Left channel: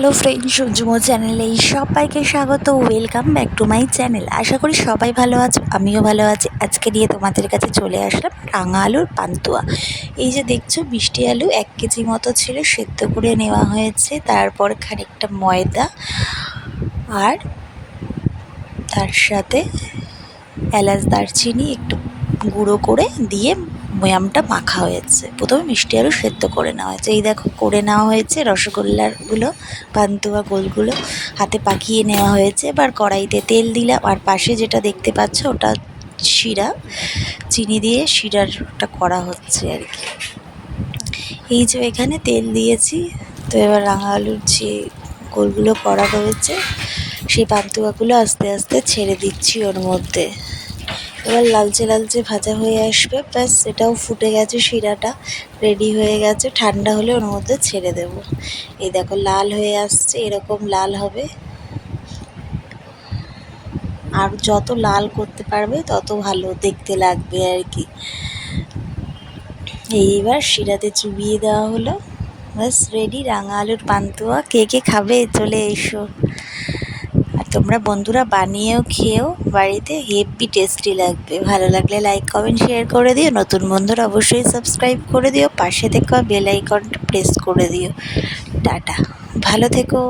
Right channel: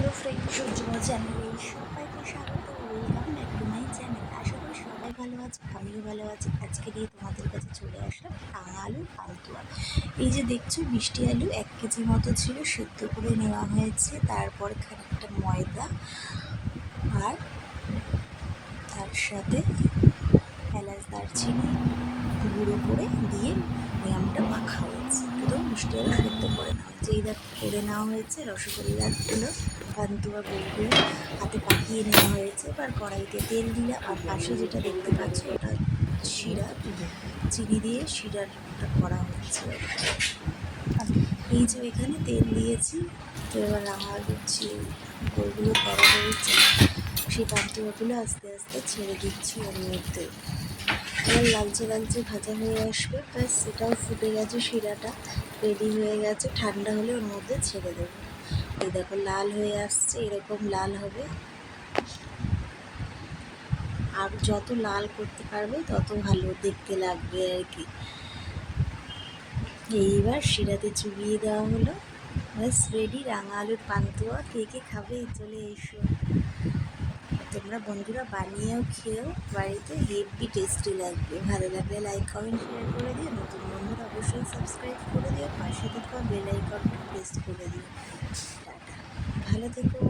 Hello friends, সূর্যমো চ্যানেলে সবাইকে স্বাগত। Welcome back to my channel. আশা করি সবাই ভালো আছো, আমিও ভালো আছি। আজকে নিয়ে তোমাদের কাছে চলে আসলাম রাঙা আলুর পান্তুয়া। এই যে দেখছো, মিষ্টি আলু 1 কেজি মতো ছিল, সেদ্ধ করে নেওয়া হয়েছে। তারপর খানিকটা ময়দা আর তার সাথে এলাচ দারচিনি একটু গুঁড়ো করে দিয়ে ময়ামটা মাখা হয়েছে। প্রথমে মিষ্টি আলু সেদ্ধ করে নেওয়া হয়েছে। এই দেখো করে নেওয়া হয়েছে রসগোল্লারগুলো, পান্তুয়া গোলগুলো হাতে পাকিয়ে নেওয়া হয়েছে। এবার কড়াইতে তেল দিলাম, আর পাশে যেটা দেখতে পাচ্ছ ওটা শিরা, চিনি দিয়ে শিরাটা করা হচ্ছে আর কি। এই যে এখানে তেল দিয়েছি, তো এবার রাঙা আলুর যে গোলগুলো করা রয়েছে সেই পান্তুয়াগুলো আস্তে আস্তে ছেড়ে দিচ্ছি ওর মধ্যে। এবার লালচে লালচে ভাজা হয়ে আসবে, ব্যাস এটাও ফুটে গেছে, শিরাটা রেডি হয়ে গেছে। ঠান্ডা হলে ওর মধ্যে ছেড়ে দেব। এই দেখো লাল হয়ে আসছে, এরকম লাল হবে। আর যত লাল করতে পারবে তত ভালো দেখতে লাগবে আর কি। এইবার শিরাতে চুবিয়ে দেওয়া হলো, ব্যাস রেডি রাঙা আলুর পান্তুয়া। কে কে খাবে চলে এসো। আর তোমরা বন্ধুরা বানিয়েও খেয়েও বাড়িতে, হেভি টেস্টি লাগবে। ভালো লাগলে লাইক কমেন্ট শেয়ার করে দিও। নতুন বন্ধুরা অবশ্যই সাবস্ক্রাইব করে দিও। পাশে থেকে বেল আইকনটা প্রেস করে দিও। টাটা, ভালো থেকো।